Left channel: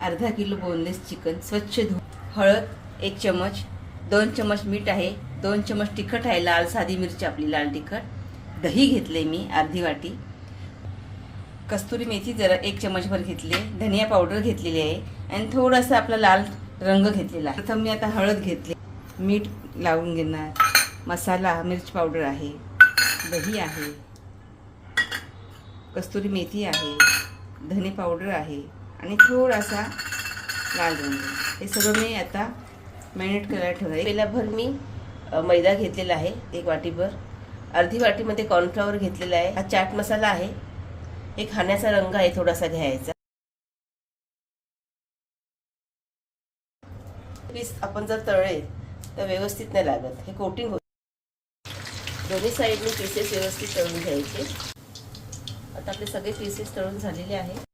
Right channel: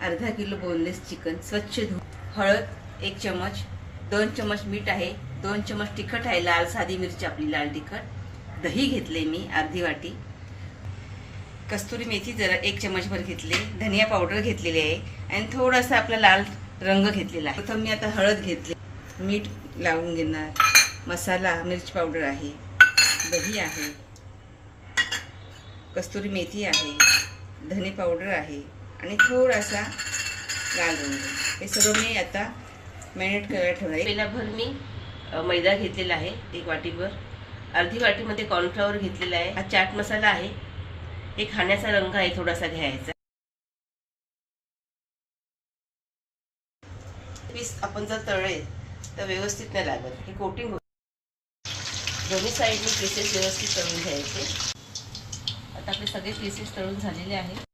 अर्धा kilo boneless chicken स्वच्छ धुवून, हळद 1 चमच, 2 चमच मीठ आहे, 2 चमच तिखट आहे, लाल साधी मिरची आपली लाल तिखट, दही घेतले मी अर्धी वाटी, कस्तुरी मेथी जरा 1 चमचभर घेतले, धनिया पावडर घेतलेली आहे आणि थोडासा आपला लाल रंग घेतलेला आहे। प्रथम मी आता हळद घेतली, मीठ लावून घेणार, मसाला मिरची पावडर आहे, दही आहे, कस्तुरी मेथी आहे, धने पावडर आहे आणि थोडासा लाल रंग। हे सगळं मी आता मॅरिनेट करायला ठेवलं। पहिलाभर मी मैदा घेतलेला आहे 1 वाटीभर, अर्धी वाटीमध्ये कॉर्नफ्लॉवर घेतलेला आहे, हा चाट मसाला आहे, एक खाण्याचा रंग आहे थोडासा घ्यायचा। पीस आपण जर तळले तर व्यवस्थित नाही लागत, हे कोटिंग होतं। दोन्ही साईडने पीसेस व्यवस्थित तळून घ्यायचे। आता आपले सगळे पीसेस तळून झालेले आहेत।